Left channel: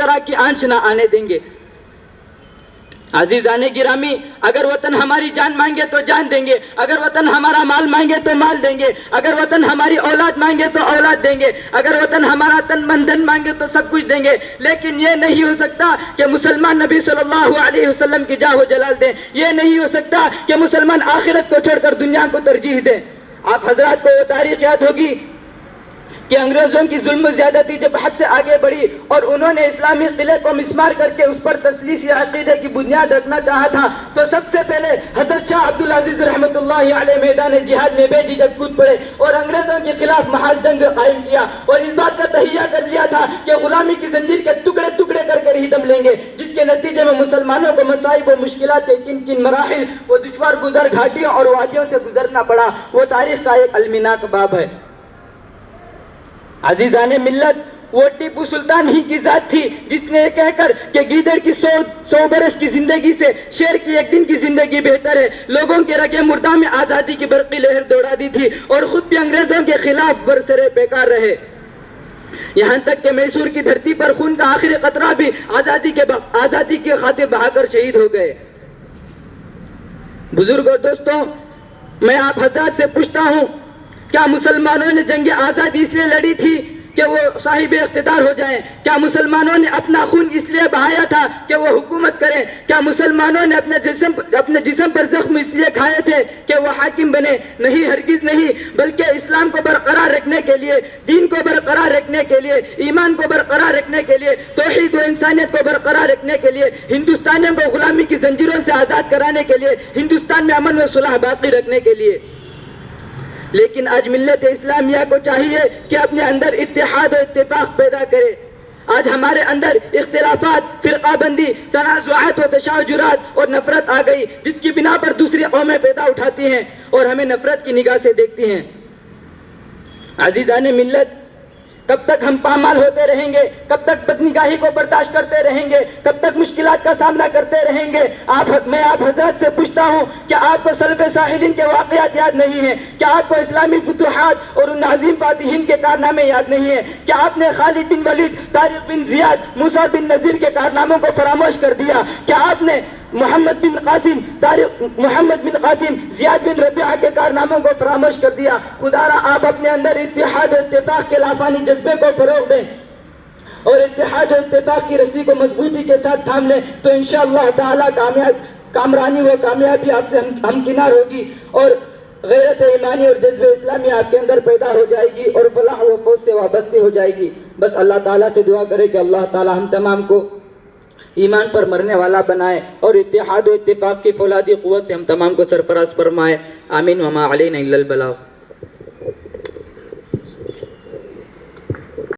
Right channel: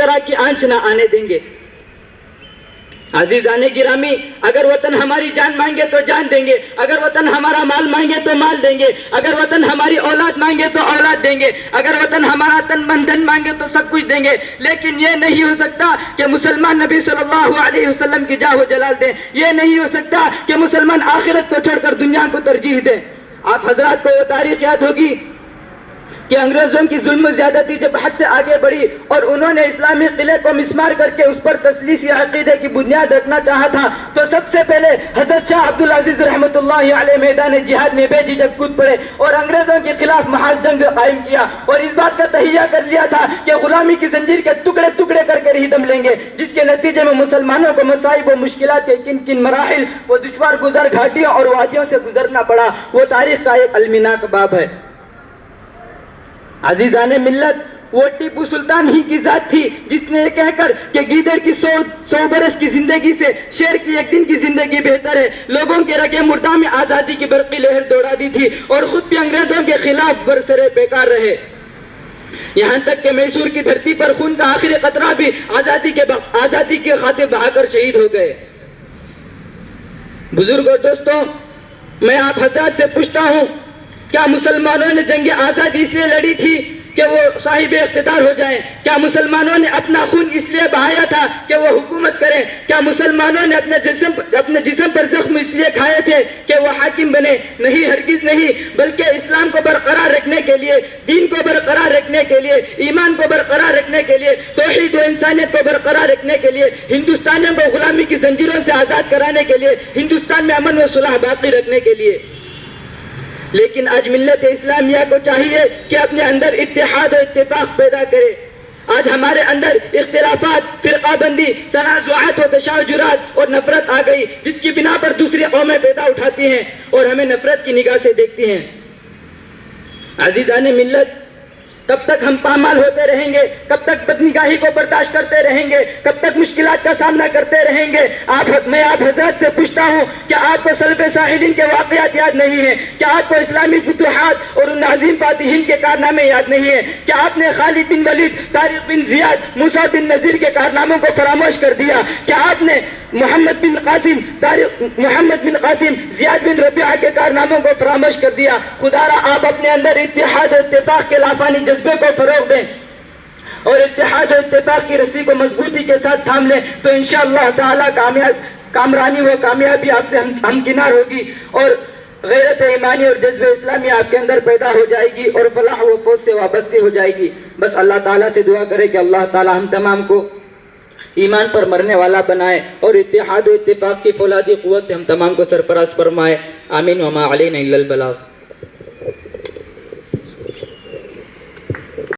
طرح کی آنچ نہ آنے دیں گے۔ عزیزان گرامی، اگر وطن ہماری جان مانگے تو جان دیں گے، اگر وطن ہمارا مال مانگے تو مال دیں گے، اگر وطن ہماری اولاد مانگے تو اولاد دیں گے، اگر وطن ہمارا تن من دھن مانگے تو سب کچھ دیں گے، لیکن یہ نہیں ہو سکتا کہ مسلمان نبی صلی اللہ علیہ وسلم کی جاہ و جلال دیں، یہ نہیں ہو سکتا کہ مسلمان آخرت کو چھوڑ کر دنیا کو ترجیح دیں۔ آپ حضرات کو یہ تاریخ یاد ہوگی کہ انگریزوں کی ظلم و زیادتی جب حد سے آگے بڑھی اور انہوں نے اسلامی قلعے کو مسمار کر کے اس پر تثلیثی عقیدے کی بنیاد رکھنا چاہا تھا، تو سب سے پہلے حضرت شاہ عبدالعزیز رحمۃ اللہ علیہ میدان جہاد میں بے جھجک کود پڑے اور انگریزوں کے خلاف محاذ جنگ قائم کیا اور اس بات کا تہیہ کر لیا تھا کہ غلامی کی زنجیر کے ٹکڑے ٹکڑے کر کے ہی دم لیں گے، جس کے نتیجے میں مسلمانوں کو مصائب و مشکلات کے کن کن مراحل و دشوار گزر گھاٹیوں اور وادیوں سے گزرنا پڑا، وہ تاریخ کا ایک المناک باب ہے۔ عزیزان ملت، وہ ٹیپو سلطان ہی کی ذات تھی جس نے کہہ کر کہ گیدڑ کی 100 برس کی زندگی سے شیر کی ایک دن کی زندگی بہتر ہے، لوگوں کے رگے مردہ میں آزادی کی برقی لہر دوڑا دی تھی اور خود بھی انگریزوں کے خلاف برسرے پیکار رہے، یہاں تک کہ میسور کی دھرتی پر خون کا آخری قطرہ بھی آزادی کے خاطر بہا کر شہید ہو گئے۔ بزرگ اور دوستوں، میں آپ حضرات سے پوچھتا ہوں، کیا مسلمانوں نے جنگ آزادی اس لیے لڑی تھی کہ وہ صاحب اقتدار ہو جائیں؟ کیا مسلمانوں نے اپنا خون اس لیے بہایا تھا کہ وہ حکومت کریں؟ کیا مسلمانوں نے اپنے جسم پر زخم اس لیے کھائے تھے کہ وہ حاکم بنے؟ نہیں، ہرگز نہیں، بلکہ اسلام کو برقرار رکھنے کے لیے، دین کو برقرار رکھنے کے لیے، ایمان کو برقرار رکھنے کے لیے، توحید و انسانیت کو برقرار رکھنے کے لیے، ہندوستانیوں کو غلامی کی زنجیروں سے آزاد کرانے کے لیے، ہندوستان میں امن و صلح باقی رکھنے کے لیے۔ لیکن آج ملت اسلامیہ کو چاہیے کہ اپنے اندر اتحاد و اتفاق پیدا کرے۔ آج ہمارے اندر اختلافات، فرقہ بندی، تنازعات و تشاجرات اور نفرت آ گئی، جس کی بنا پر دوسری قومیں پیدا اٹھاتی ہیں اور ہمیں نفرت کی نگاہ سے دیکھتی ہیں۔ عزیزان ملت، کب تک ہم پامال ہوتے رہیں گے؟ کب تک بدنگاہی کو برداشت کرتے رہیں گے؟ کب تک مشکلات کا سامنا کرتے رہیں گے؟ میں آپ حضرات سے پوچھتا ہوں، کیا آپ کو سلف ساحلین کے واقعات یاد نہیں ہیں؟ کیا آپ کو اسلامی فتوحات اور ان عظیم فاتحین کے کارنامے یاد نہیں ہیں؟ کیا آپ نے خالد بن ولید، طارق بن زیاد، موسیٰ بن نذیر کے کارناموں کو فراموش کر دیا؟ کیا آپ نے محمد بن قاسم، زیاد بن ربیعہ کے کارناموں کو فراموش کر دیا؟ خدا را آپ اپنے اندر اتحاد و اتفاق کے لافانی جذبے کو فروغ دیں اور اتحاد و اتفاق کی رسی کو مضبوطی کے ساتھ تھام لیں، تو انشاءاللہ تعالی کامرانی و کامیابی آپ سے ہمکنار ہوگی اور غیرت ایمانی اور جذب اسلامی آپ کے اندر پیدا ہو جائے گی اور فلاح و فوز سے وابستہ ہو جائے گی۔ بس اللہ تعالیٰ سے دعا کرے کہ اللہ تعالیٰ ہم تمام کو ایمان پر مرنے والا بنائے اور اتحاد و اتفاق کی فولادی قوت سے ہم تمام کو سرفراز فرمائے۔ آمین وما علینا الا البلاغ۔